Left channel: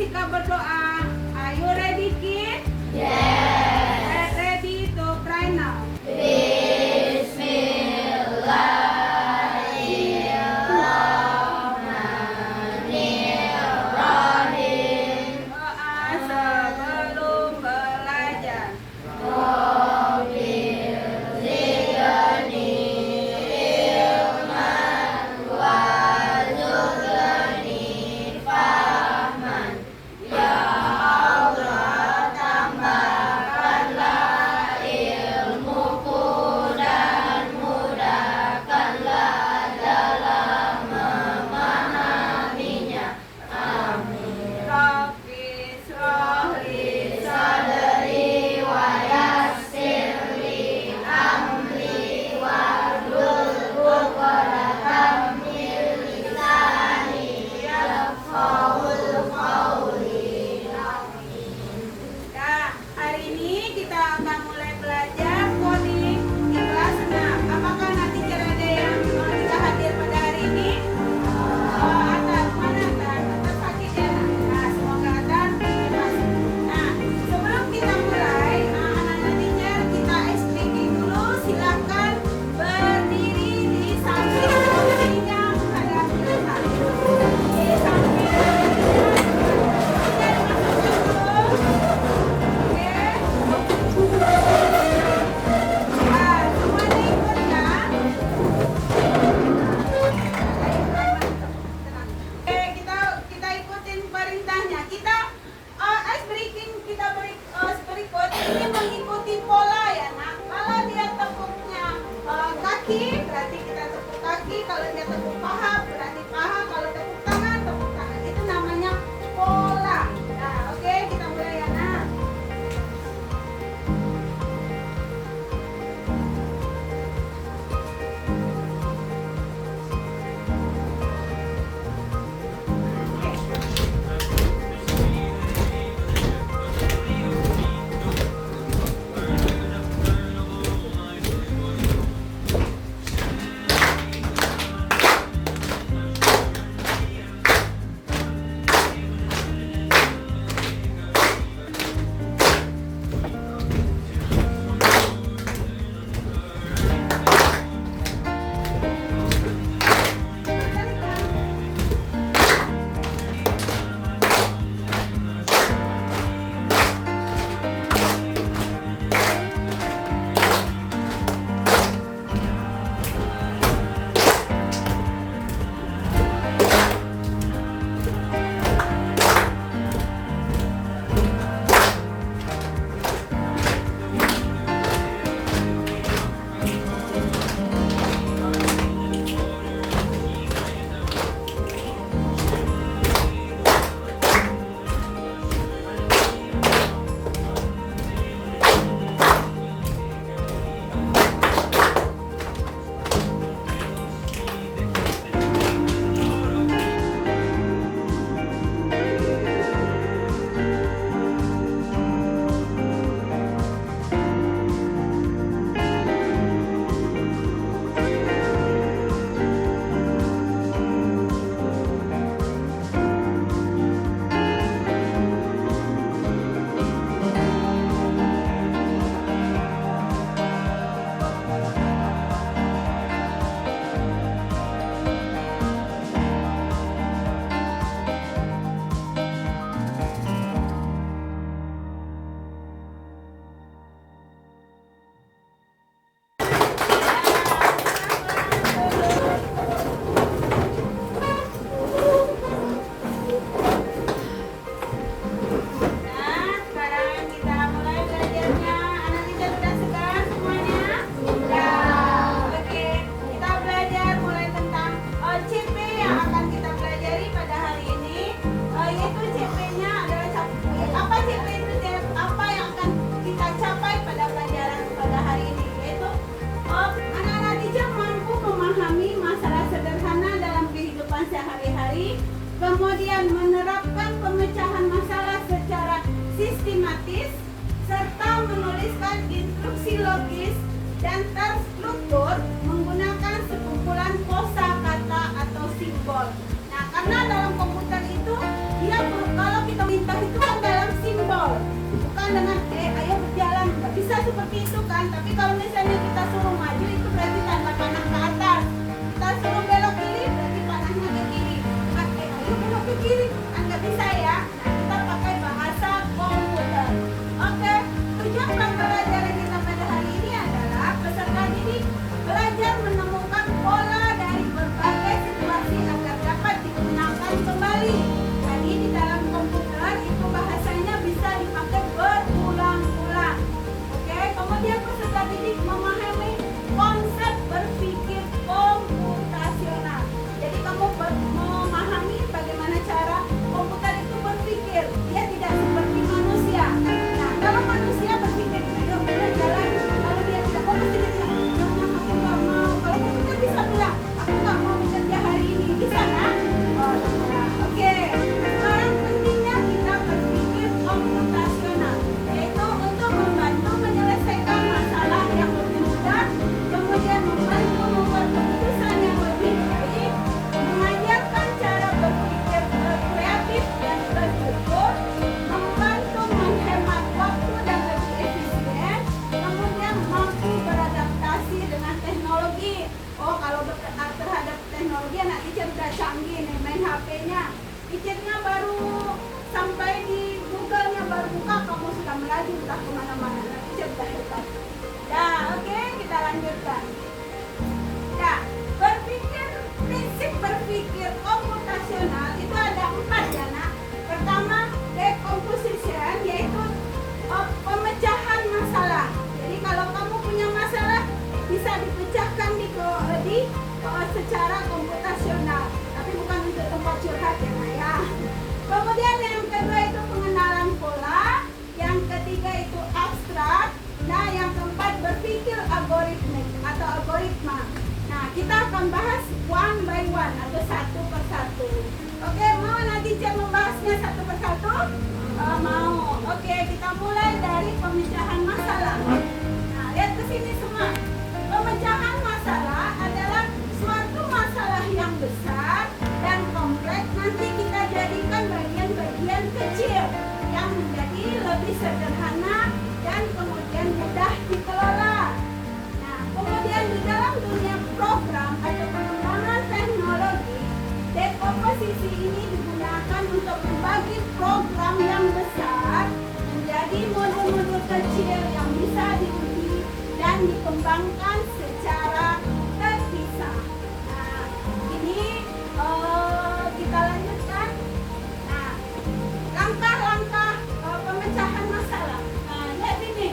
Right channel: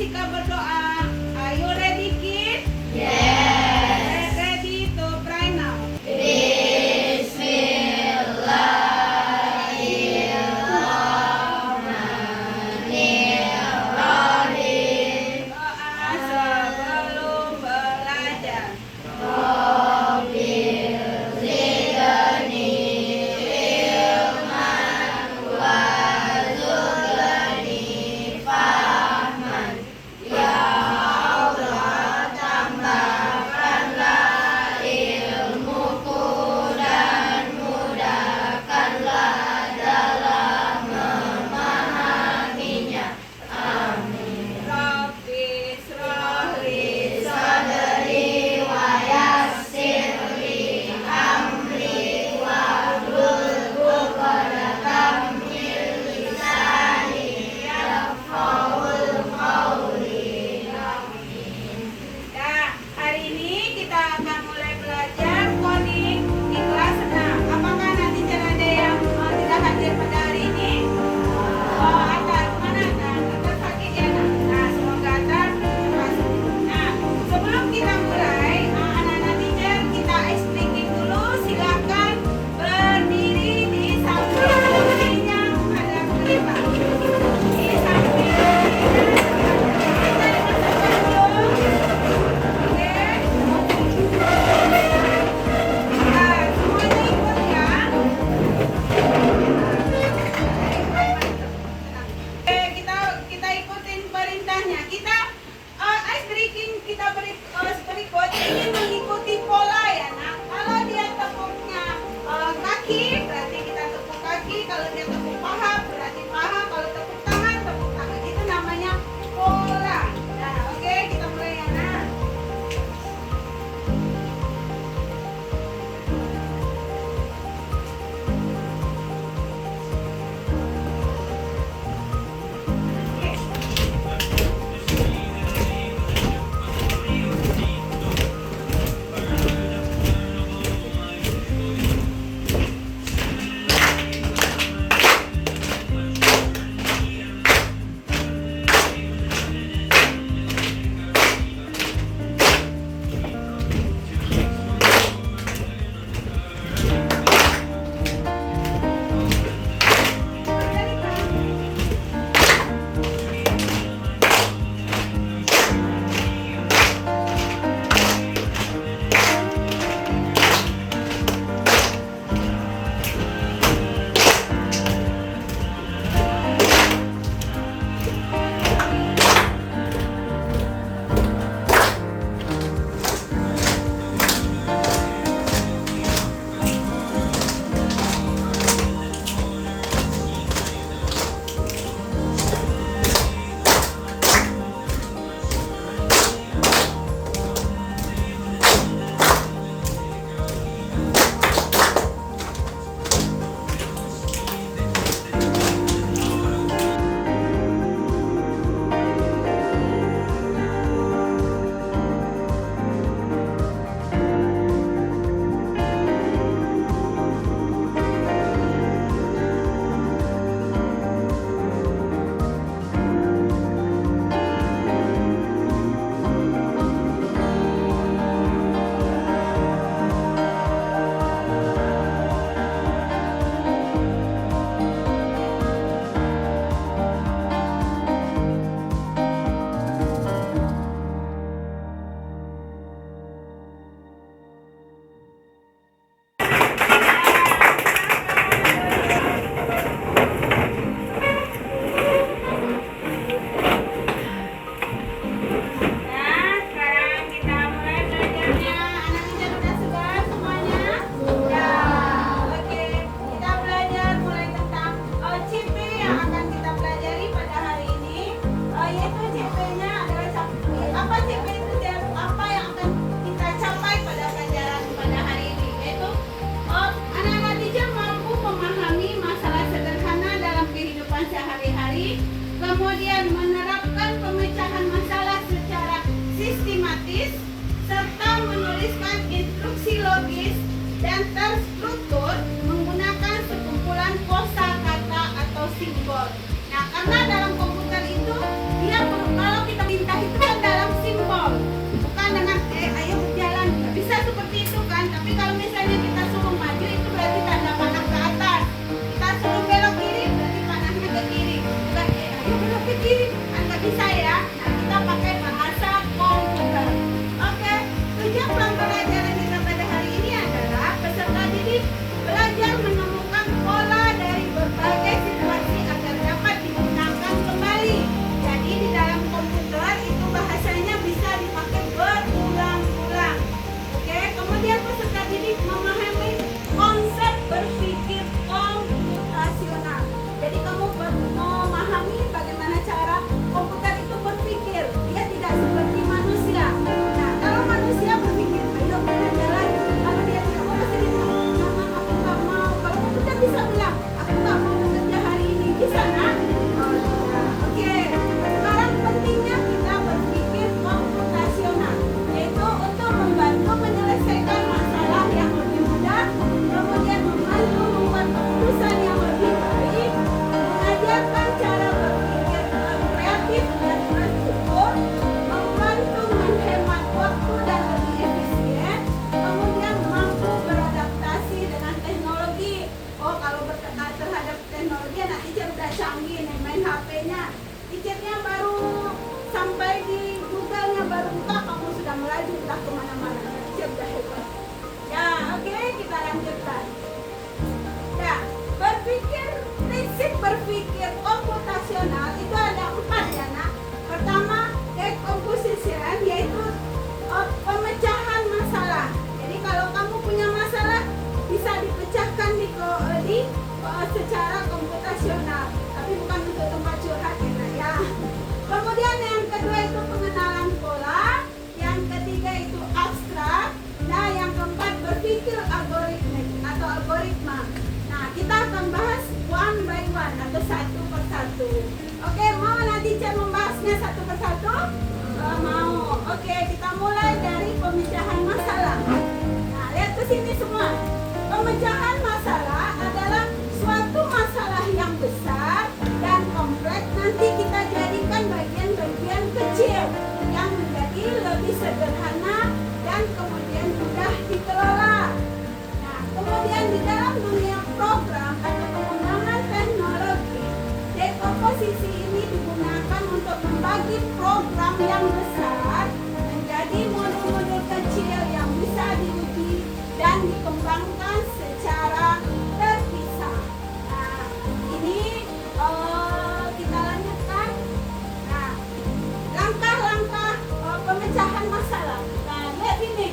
Sika berdoa. Are you ready, kid? Yes. Ready to pray now. Bismillahirrahmanirrahim. Doa sebelum belajar. Rabbil zidni ilman warzuqni fahman. Ya Allah, tambahkanlah ilmuku dan mudahkanlah dalam memahaminya. Amin. Rabbi shrahli Sadri wa yassirli amri wahlul 'uqdatam min lisani yafqahul qawli. Amin. Ya, hari ini kita akan mulai belajar coding di kelas 6. Apakah nanti ada yang tidak hadir pada hari ini? Oh, akan mana akan? Akan sakit ya? Nah, semoga akan cepat sembuh. Nah, sebelum kita mulai, anak-anak teacher kita ice breaking dulu. Silakan berdiri di samping berdirinya menghadap kita. Di samping berdirinya. Kita dimasukkan dulu. Oke. Nah, semuanya ikut ya. Oke, kita ikutin perintahnya. Kita ice breaking kita berikut ini mengikuti pola ya, nak. Kalau dia tepuknya kaki, berarti kita tepuk kaki. Kalau dia tepuk paha, berarti paha. Kalau tepuk tangan, tepuk tangan. Itu namanya pola. Nah, oke, kita mulai ya, nak. Oke. itu kan dalam simbol, bukan dengan ayo berjalan. Nggak bisa seperti itu kan. Tapi kalau misalnya kita suruh maju itu berarti tanda panah ke atas. Kita suruh belok kiri berarti panahnya ke kiri. Bukan ayo belok ke kiri, kan nggak bisa ya. Nah, kita pakai bahasa komputer. Oke, tujuan pembelajaran kita pada hari ini adalah peserta didik belajar menemukan pola dari berbagai situasi agar dapat digunakan kembali. Jadi di dalam komputer itu bahasanya bisa dipakai berulang-ulang. Oke, kemudian peserta didik memahami konsep berpikir komputasional. Jadi kamu memahami bagaimana cara komputer itu berpikir. Dia tidak seperti manusia. Nah, kalau manusia berpikir, ayo kita jalan. Kalau dia tidak mau, pasti dia bilang, "Mama, aku nggak mau." Kalau komputer bisa bilang, "Aku nggak mau bekerja hari ini." Bisa, nak? Oh, bisa. Oke. Sekarang pentingnya kita berpikir komputasional, yaitu untuk membantu menyelesaikan masalah yang lebih mudah, kemudian membantu membuat keputusan yang lebih baik, mengajarkan cara berpikir kreatif dan bersyukur, membantu menghemat waktu dan lebih efisien, kemudian mampu beradaptasi dengan teknologi. Oh, kalau terhadap teknologi anak teacher udah canggih nih, main HP-nya, teachernya baru sampai di Google-nya baru buka, kamu sudah melaju, udah kemana-mana. Teacher udah hebat. Ya, oke, kita lanjutkan. Ya, prinsip berpikir komputasional itu ada 4 ya, nak. Pertama, decomposition, yaitu pemecahan masalah. Jadi kalau kamu punya masalah bisa dipecahkan secara komputasional, tapi bukan untuk tempat curhat ya, nak, ya. Kemudian yang kedua itu pengenalan pola, yang ketiga itu abstrak, nah yang keempat berpikir algoritmik atau algoritma. Nah, kita akan bahas one by one atau satu persatu. Oke, mau nanti saya membahasnya satu persatu? Mau. Oke, kita mulai dari pemecahan masalah. Nah, lihat ke sini semua. Pemecahan masalah adalah suatu masalah yang besar dan kompleks. Nanti kita jadikan bagian-bagian kecil yang menjadi lebih sederhana dan kemudian mudah dikelola. Nah, kemudian di dalam dunia program atau pengembangan teknologi, decomposisi ini digunakan untuk membagi program yang besar menjadi modul-modul kecil yang bisa diuji dan dikembangkan secara terpisah. Nah, ini kita lanjutkan. Nah, langkah-langkah pemecahan masalah. Nah, lihat ini.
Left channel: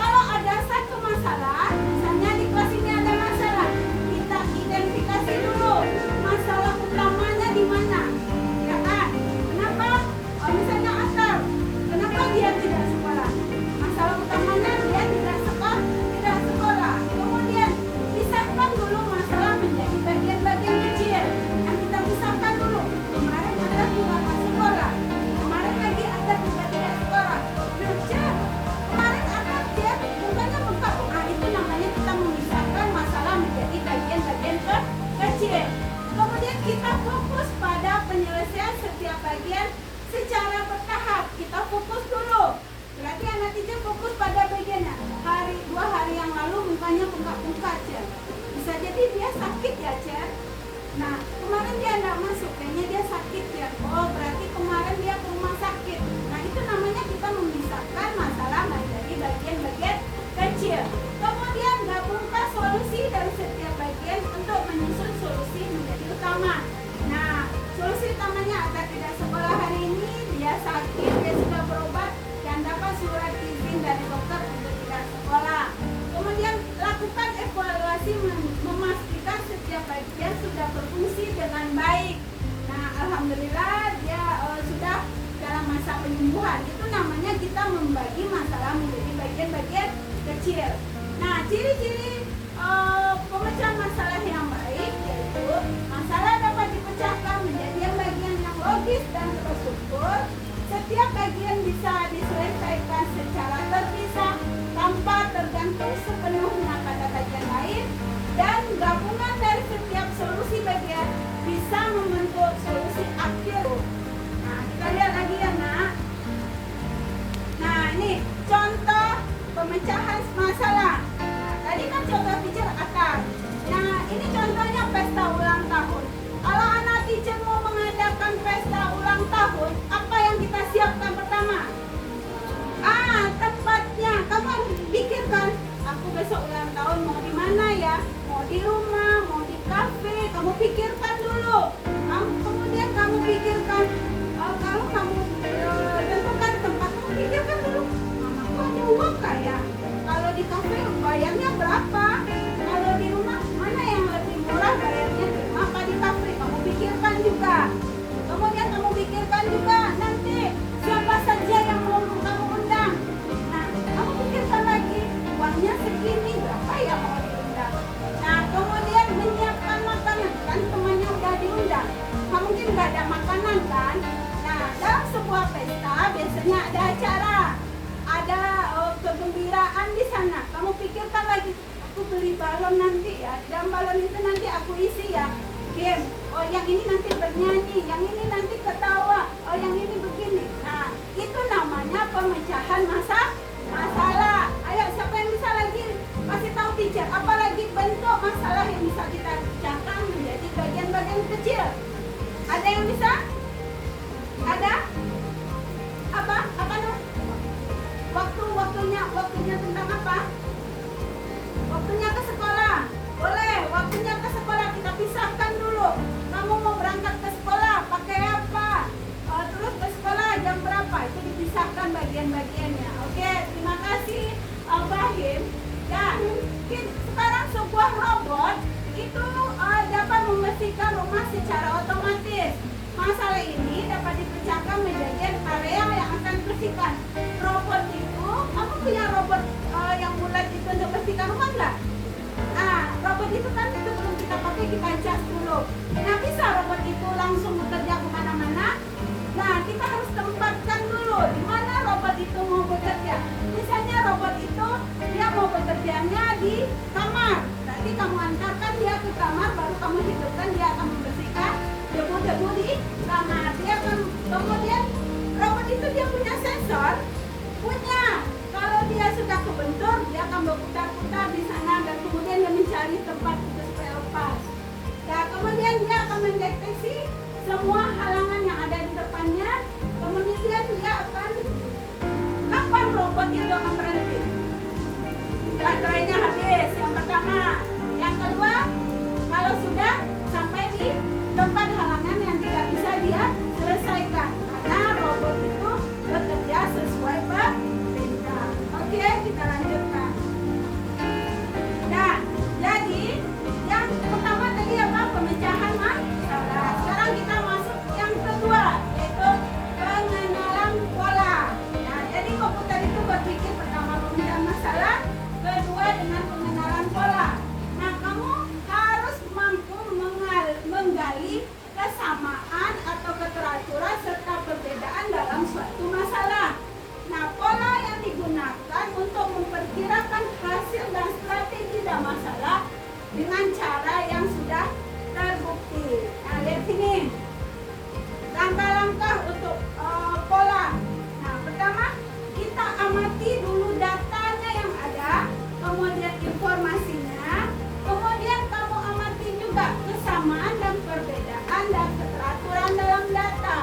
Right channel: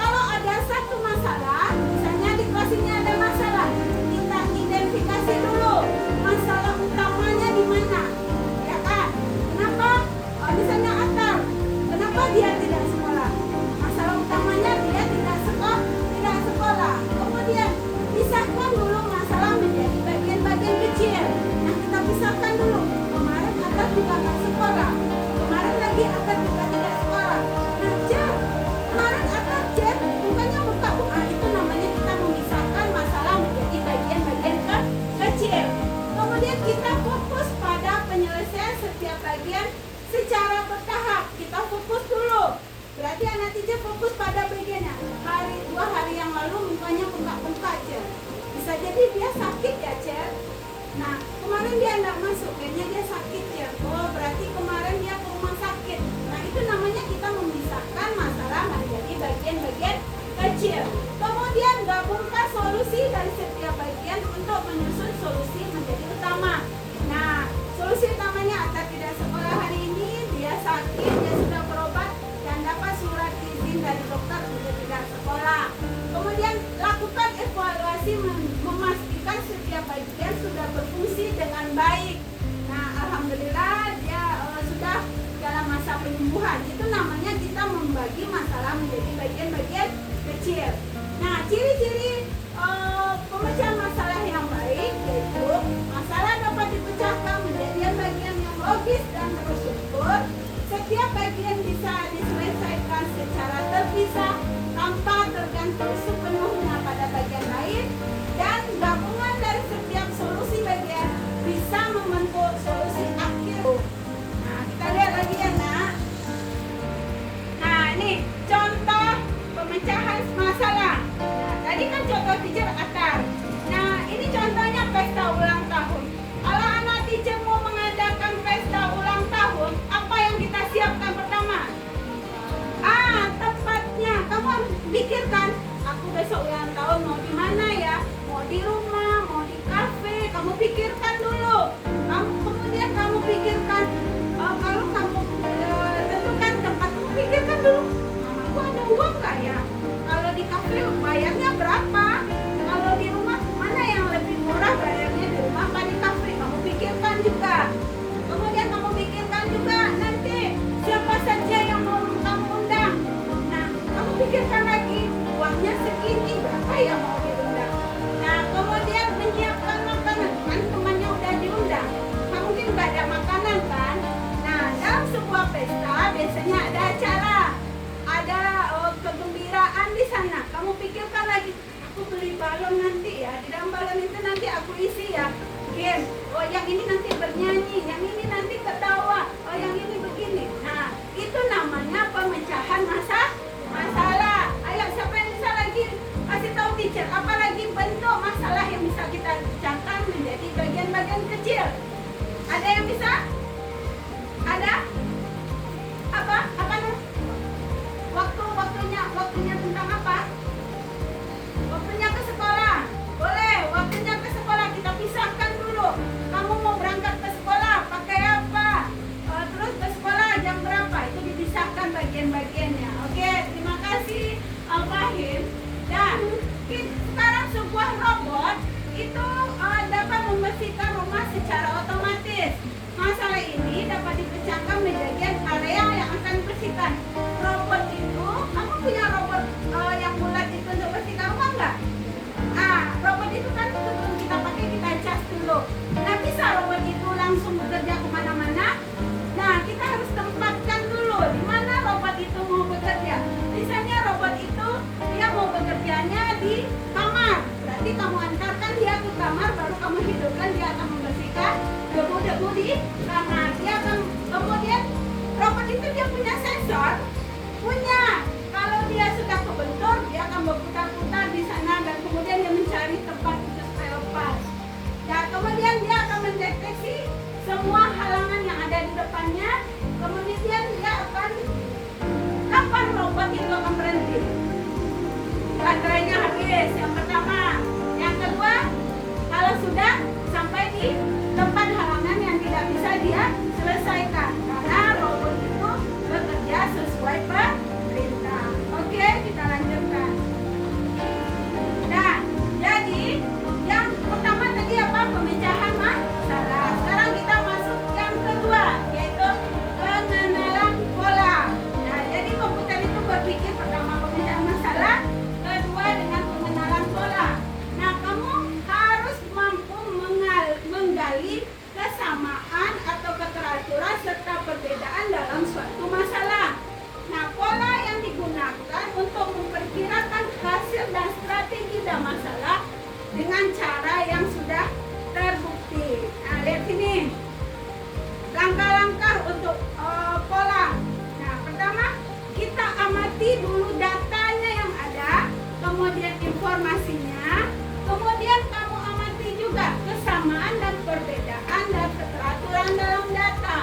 Kalau ada satu masalah, misalnya di kelas ini ada masalah, kita identifikasi dulu masalah utamanya di mana, ya kan? Kenapa? Misalnya Atar, kenapa dia tidak sekolah? Masalah utamanya dia tidak sekolah. Kemudian pisahkan dulu masalah menjadi bagian-bagian kecil. Yang kita pisahkan dulu. Kemarin Atar juga nggak sekolah. Kemarin lagi Atar juga tidak sekolah. Nah, cek. Kemarin Atar cek, bukannya buka. Itu namanya kita memisahkan masalah menjadi bagian-bagian kecil. Kemudian kita fokus pada penyelesaian setiap bagian secara bertahap. Kita fokus dulu. Berarti anak teacher fokus pada bagiannya. 2 hari yang lalu mukanya bengkak-bengkak aja. Bisa jadi dia sakit ya, Cer. Nah, kemarin dia nggak masuk, kayaknya dia sakit ya. Oh, berarti kemarin dia ke rumah sakit. Nah, itu namanya kita memisahkan masalah menjadi bagian-bagian kecil. Kemudian gabungkan solusi dari setiap bagian untuk menyusun solusi menjadi utama. Nah, solusi utamanya Atar tidak sekolah hari ini, dia sakit, dia sudah berobat dan dapat surat izin dari dokter untuk tidak sekolah. Kemudian lakukan evaluasi memastikan setiap bagian sudah berfungsi dengan baik. Nah, alhamdulillah dia sudah dalam masa penyembuhan. Itu namanya kita membagi masalah menjadi bagian-bagian kecil. Nah, ciri-ciri pemecahan masalah yang baik yaitu masalah dapat dipecahkan menjadi bagian yang logis dan terstruktur. Setiap bagian bisa diselesaikan secara terpisah tanpa tergantung sepenuhnya pada bagian lain, dan gabungan dari setiap solusi bagian bisa membentuk solusi akhir. Nah, kita lihat lagi ya, nak. aku beli balon nanti ya. Di dalam balon itu nanti aku isi ya game. Oh yang ini nanti bernyanyi, yang ini nanti ketawa, oh yang ini begini. Nah itu namanya pemecahan masalah. Ayo siapa yang bisa lagi kasih tahu teacher, apalagi bentuk masalah yang bisa kita pecahkan menjadi bagian-bagian kecil. Ada yang bisa? Ada? Apa waktunya tentang apa? Waktunya ke sekolah. Boleh, waktunya ke sekolah kita pisahkan dulu. Kamu mau berangkat ke sekolah pakai apa? Terus ke sekolah jam berapa? Itu dipisahkan bagian-bagiannya. Oke, terima kasih Bahim. Dan sekarang sebuah robot itu dapat membersihkan rumah secara otomatis. Masalah ini dapat dipecahkan menjadi area yang akan dibersihkan. Robot itu, kamu punya robot yang bulat itu untuk bersihkan rumah nggak? Robot itu kan sebelum kita pakai kita cas dulu. Nah bisa robot itu langsung bekerja kemana-mana. Nah kita harus tempatkan dulu di mana robot itu mau bekerja. Misalnya robot itu dia mau bekerjanya di kamar. Berarti kamu antarkan dia ke kamar, baru kamu hidupkan, dia akan membersihkan debu-debu di kamar. Dia akan kemudian robot itu dia punya sensor, kalau dia sudah kebentur dia akan berputar-putar di sana dan kemudian dia mencari tempat untuk supaya lepas. Dan kemudian dia akan mendeteksi semua halangan yang ada di depannya. Kemudian dia akan kapan robot itu akan berhenti? Baterainya habis yang pertama. Yang kedua, kalau sudah sampai di tempat halangan yang tidak bisa dia selesaikan, karena robot itu bekerja sesuai perintah. Oke, kita lanjutkan. Nah, jadi yang pertama tadi apa? Pemecahan masalah. Sekarang kita masuk yang kedua, yaitu pengenalan pola. Nah, jadi komputer itu berpikir pertama pemecahan masalah, kedua dengan pengenalan pola. Nah, kamu harus mampu menggali kesamaan atau keteraturan serta perbedaan dalam suatu masalah. Nah, pola yang digunakan untuk memperkirakan hasil dan strategi dalam masalah dengan cara yang sudah terbukti. Nah, lihat sini. Langkah-langkah untuk pola. Nah, pertama kita amati dulu datanya yang ada, kemudian informasinya, kemudian kamu amati juga kesamaan dan perbedaan dan keteraturan dalam data.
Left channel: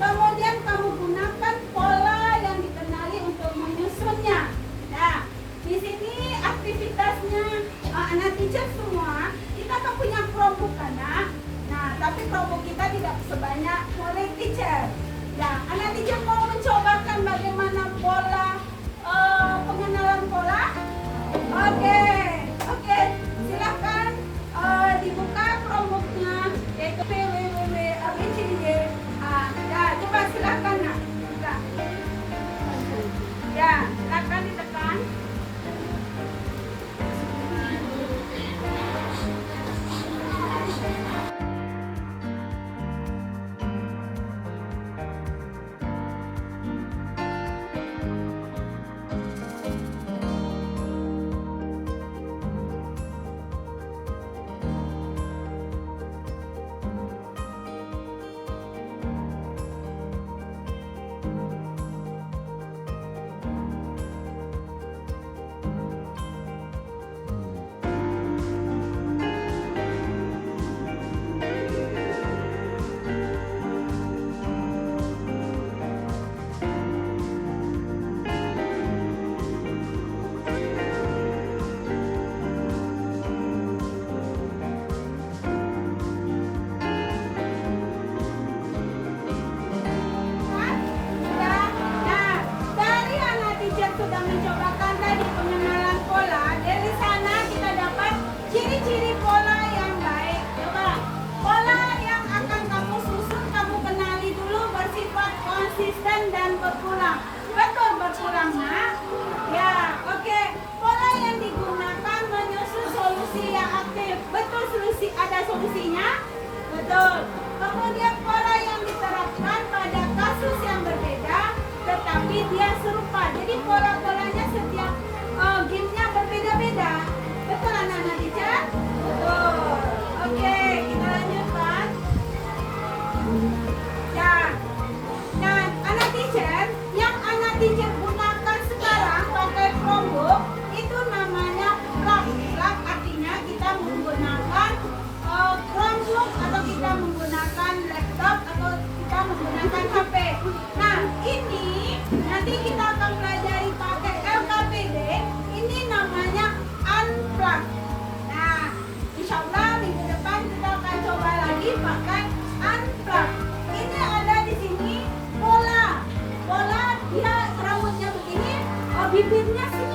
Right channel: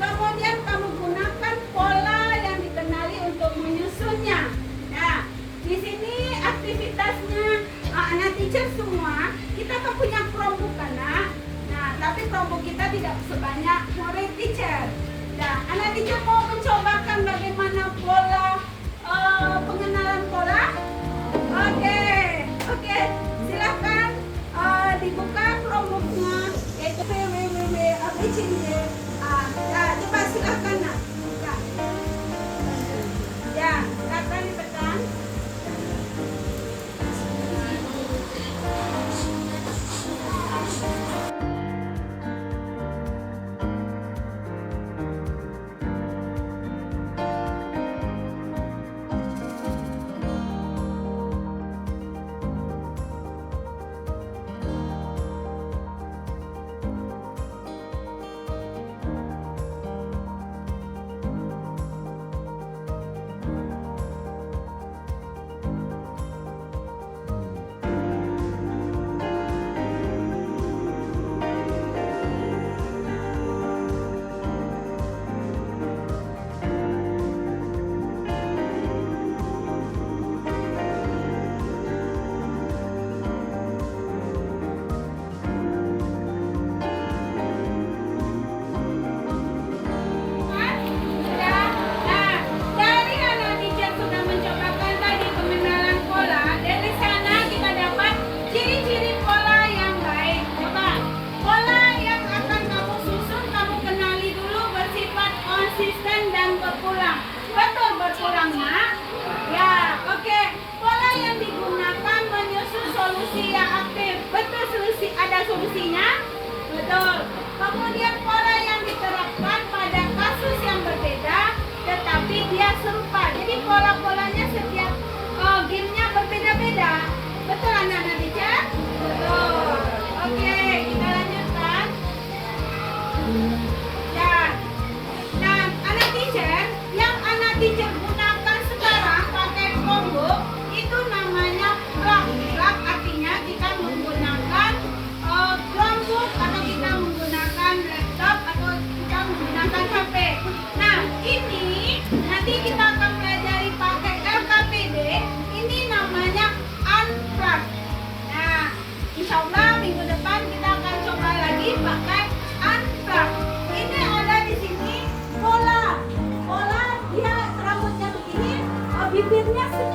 Kemudian kamu gunakan pola yang dikenali untuk menyusunnya. Nah, di sini aktivitasnya anak teacher semua, kita kan punya Chromebook anak. Nah, tapi Chromebook kita tidak sebanyak murid teacher. Nah, anak teacher mau mencobakan bagaimana pola pengenalan pola. Oke, silakan dibuka Chromebooknya, yaitu www.abcd. Ya, coba silakan nak buka. Ya, silakan ditekan. solusinya? Betul. Kemudian pola yang diterapkan pada kasus yang berbeda tetapi dia serupa. Jadi pola-polanya setiap gamenya berbeda-beda.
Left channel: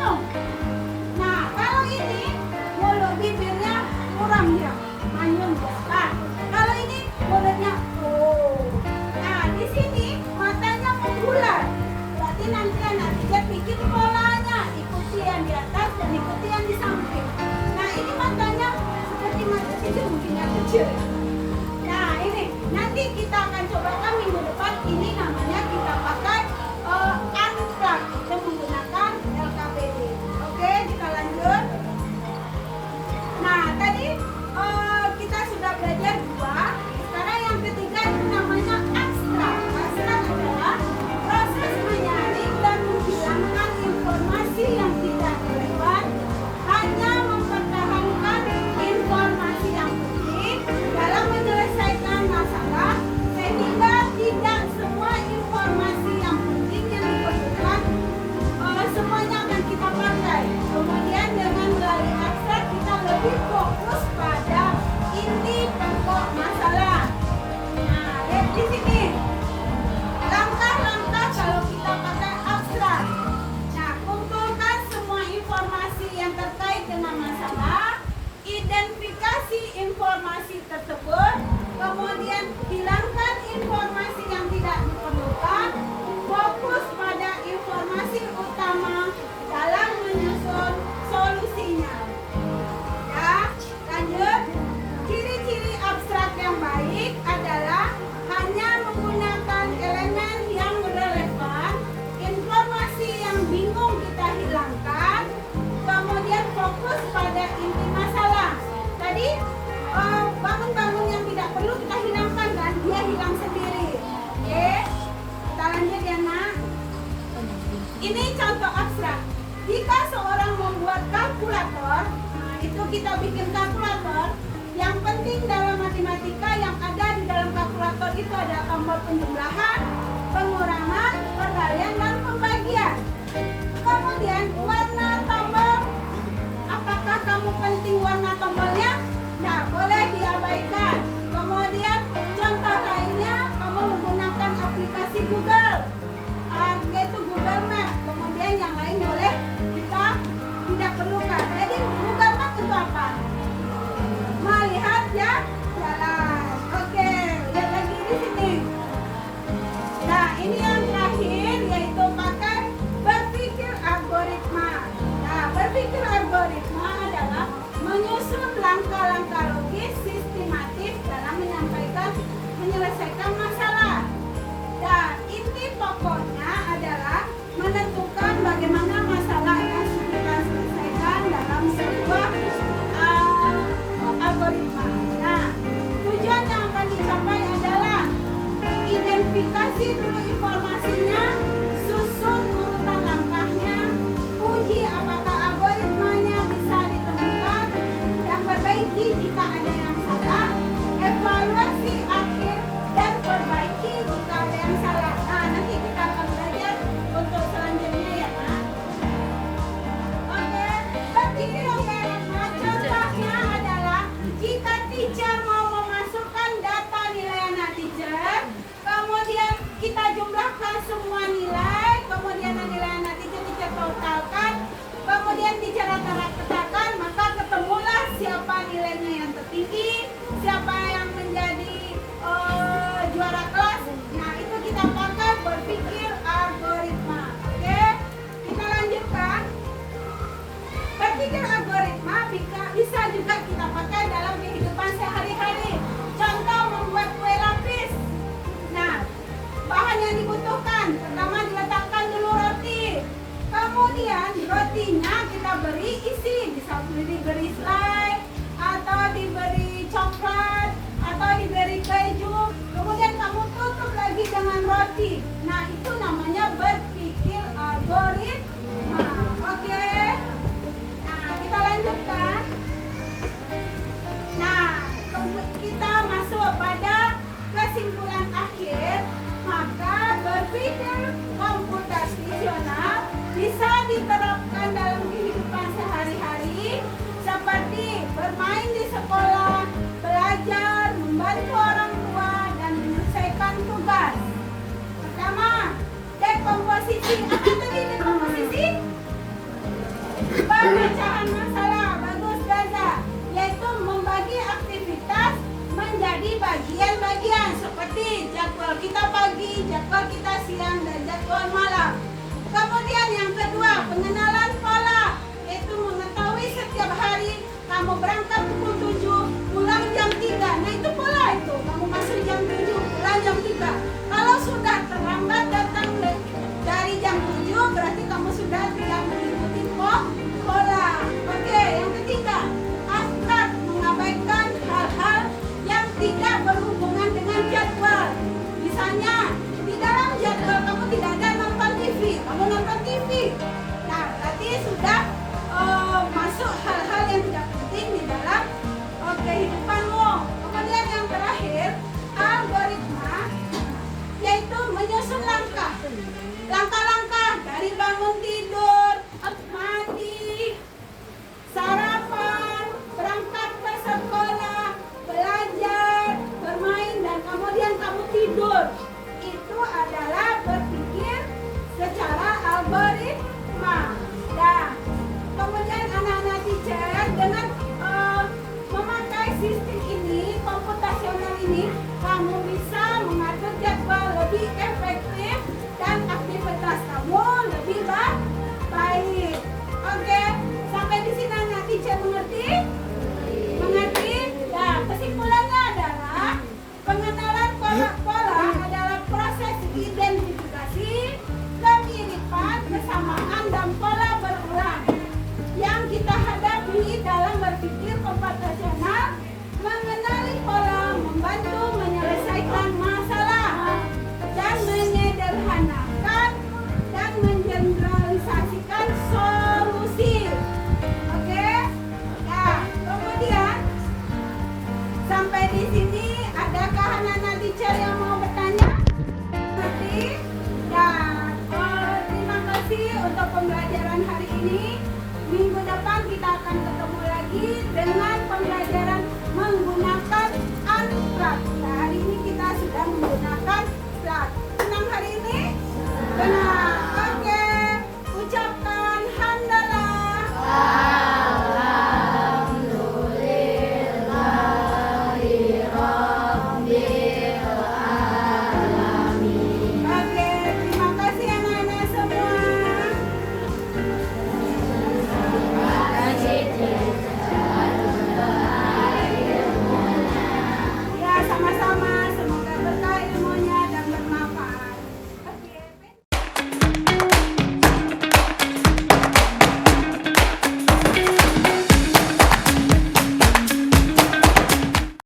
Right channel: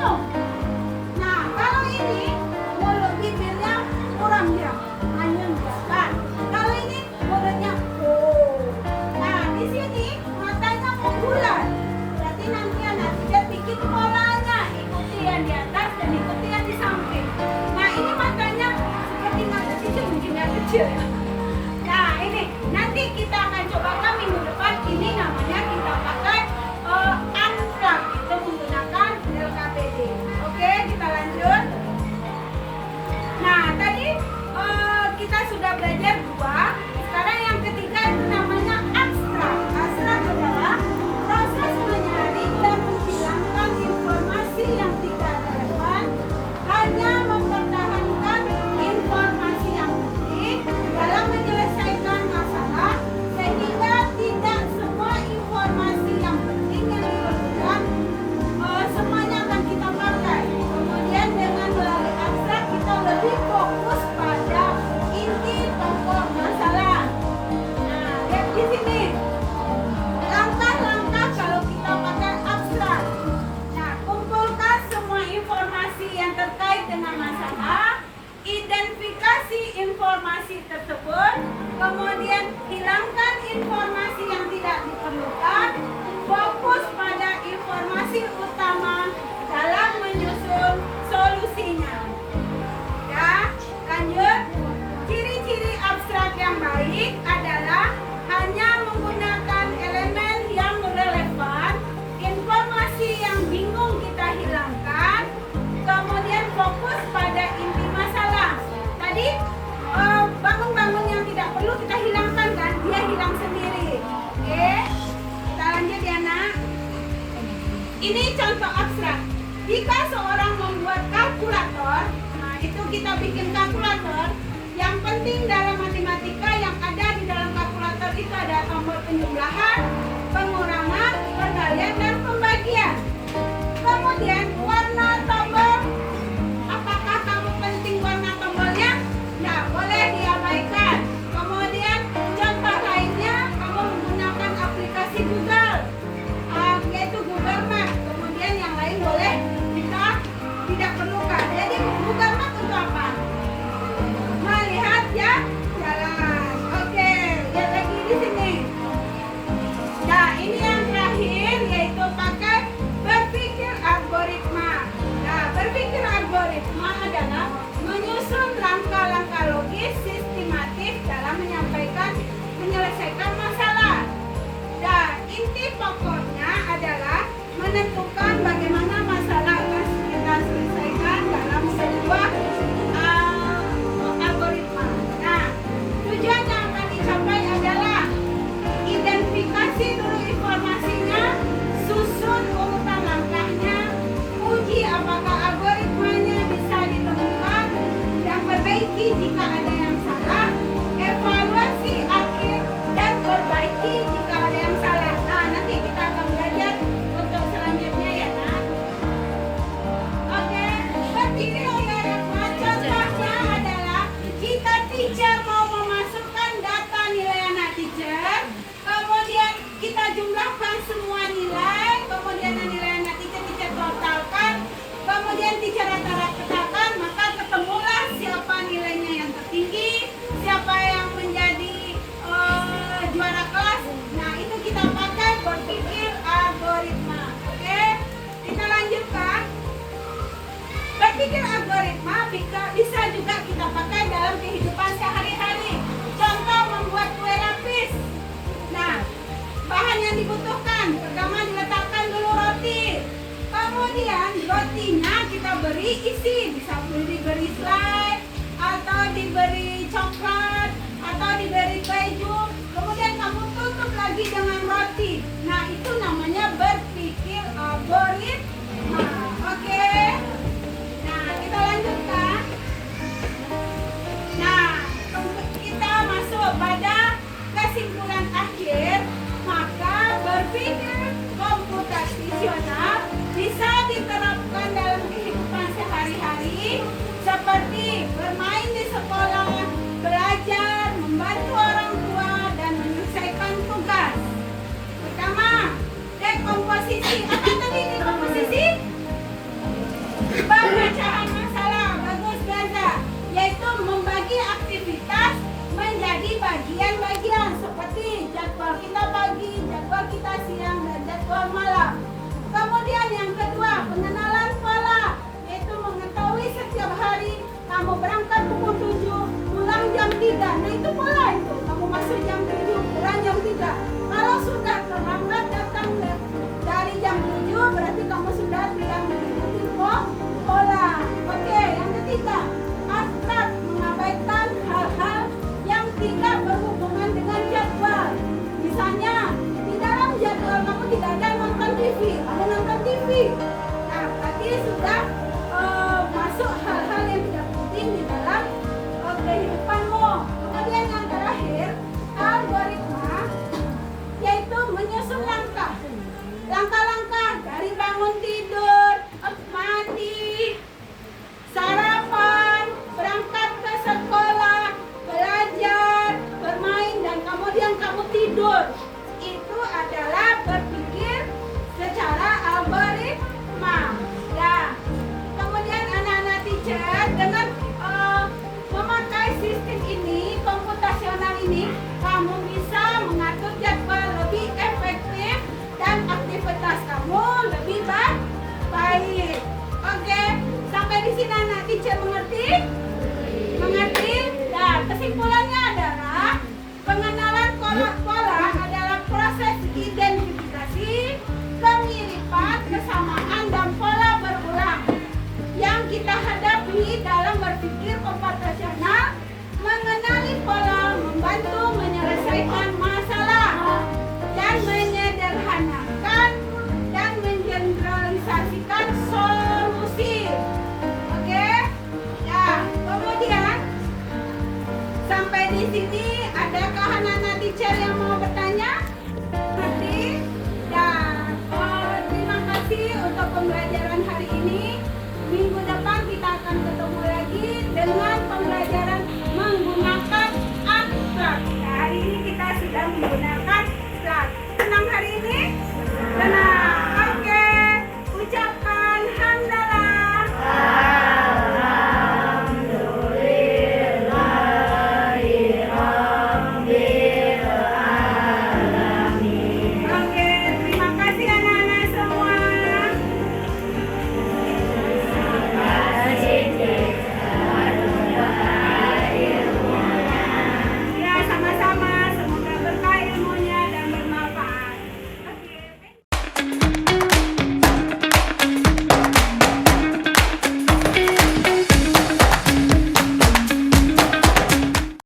bingung. Nah, kalau ini mulut bibirnya muram dia, manyun dia kan. Kalau ini mulutnya Nah, di sini matanya membulat. Berarti nanti anak teacher bikin polanya, ikuti yang di atas dan ikuti yang di samping. Nah, ini matanya seperti mata teacher mungkin yang kecil. Nah, ini nanti kita akan cobakan minggu depan. Ini namanya kita pakai unplug. Kita menggunakan LKPD. Oke, kita lanjut. Nah, tadi kita sudah belajar 2. Sekarang yang ketiga itu namanya abstrak. Abstrak adalah proses menyaring dan menghilangkan informasi yang tidak relevan, hanya mempertahankan informasi yang penting dalam menyelesaikan masalah, sehingga tidak semua informasi yang penting yang diperlukan semuanya akan kita pakai. Kemudian dengan melalui abstrak kita lebih fokus pada inti pokok masalah. Nah, lihat di sini langkah-langkah kalau kita pakai abstrak. Nah, kumpulkan semua informasi yang terkait dengan masalah, identifikasi informasi tersebut, kemudian hilangkan informasi yang tidak diperlukan, fokus pada informasi utama dalam menyusun solusinya. Ya, lanjut. Ciri-ciri abstrak yang baik adalah hanya menggunakan elemen yang relevan, informasi yang bingung kita hilangkan, kemudian fokus pada inti masalah. Tadi bangun-bangun yang tidak perlu kita hilangkan kan, dia hilang sendiri. Oke, kita lanjut ya nak. Ini contoh abstrak. Jika seorang membuat kalkulator, nah itu kita bikin kalkulator. Yang penting dalam matematika yang ada di dalam kalkulator itu ada tombol penjumlahan, pengurangan, perkalian, dan pembagian. Kemudian warna tombol, apakah kamu penting warna tombolnya? Nah, boleh diabaikan. Kemudian contoh lainnya, kamu menggunakan aplikasi Google, yaitu Google Map. Kemudian yang lain boleh kita tidak perlukan. Jadi Google Map untuk apa? Melihat ya jalan. Oke, lihat lagi di sini. Nah, ini yang terakhir yaitu pakai berpikir algoritma. Nah, berpikir algoritma adalah menyusun langkah-langkah logis sistematis dalam menyelesaikan masalah. Nah, inti pokoknya adalah menentukan bagaimana masalah yang kita selesaikan dalam sebuah algoritma. Nah, tujuan yang akan dicapai adalah identifikasi dulu informasinya, susun urutan langkahnya, uji apakah algoritmanya bisa ditemukan, dan perbaiki jika ada yang salah, evaluasi akhir, dan perbaiki jika ada yang salah. Nah, nanti kita akan belajar untuk selanjutnya ya nak. Oke, berpikir algoritma contohnya adalah jika teacher mau memasukkan data nilai anak teacher, kemudian kita jumlahkan semua nilai, kemudian nilai anak teacher totalkan, kemudian teacher rata-ratakan, maka ketemulah siapa nilainya yang tertinggi, siapa yang menjadi juara kelas. Nah, itu kita pakai berpikir algoritma. Oke, kita lanjutkan. Berpikir algoritma bisa juga kita pakai dalam kehidupan sehari-hari. Contoh membuat kue lapis. Nah, bahan yang dibutuhkan, pertama diletakkan dulu roti. Kemudian rotinya kita beri isi, bisa diberi selai, atau diberi coklat, atau diberi keju. Kemudian kamu tutup lagi dengan roti. Nah, itu namanya berpikir algoritma. Oke. Nah, kita lanjutkan. Nah, kita masuk pada kesimpulan akhir. Maka berpikir komputasional bisa diterapkan dalam kehidupan sehari-hari seperti bermain di sekolah, belajar, membantu orang tua, dan menyelesaikan tugas. Pertama, dekomposisi. Apa tadi dekomposisi? malam. Kemudian yang kedua, pengenalan pola, yaitu mengetahui setiap hari kamu berangkat pukul 7, pulang jam 3. Nah itu pola itu. Kamu masuk jam 7, pulang jam 3. Kalau sudah terlambat datang dari jam 7, berarti kamu sudah tidak mengikuti pola. Oke, yang ketiga, akrab, mengabaikan hal-hal yang tidak berhubungan dengan jadwal. Misalnya, di dalam jadwal kamu tidak ada nonton TV, kamu nonton TV. Nah, berarti sudah masuk hal-hal yang tidak penting di dalam kehidupanmu. Kemudian yang terakhir, algoritma, yaitu menyusun langkah-langkah dari bangun tidur, mandi, sarapan, berangkat ke sekolah, belajar, bermain, dan kemudian kamu tidur. Itu adalah berpikir secara algoritma. Nah, kemudian anak-anak teacher dengan memakai sistem ini, komputasional ini, kamu bisa mengatur jadwal lebih efektif dan aktivitas kamu lebih baik. Oke, sampai di sini anak teacher mengerti? Mengerti? Nah, kesimpulannya adalah pengenalan pola adalah proses identifikasi, kemiripan, kesamaan, dan pola berulang yang kita hadapi dalam berpikir komputasional. Mengenali pola membantu menyelesaikan masalah dan menyederhanakan dan mengeneralisasikan solusi. Oke? Nah, kemudian sampai di sini adakah anak-anak teacher yang mau bertanya? Dan terima kasih untuk pembelajaran.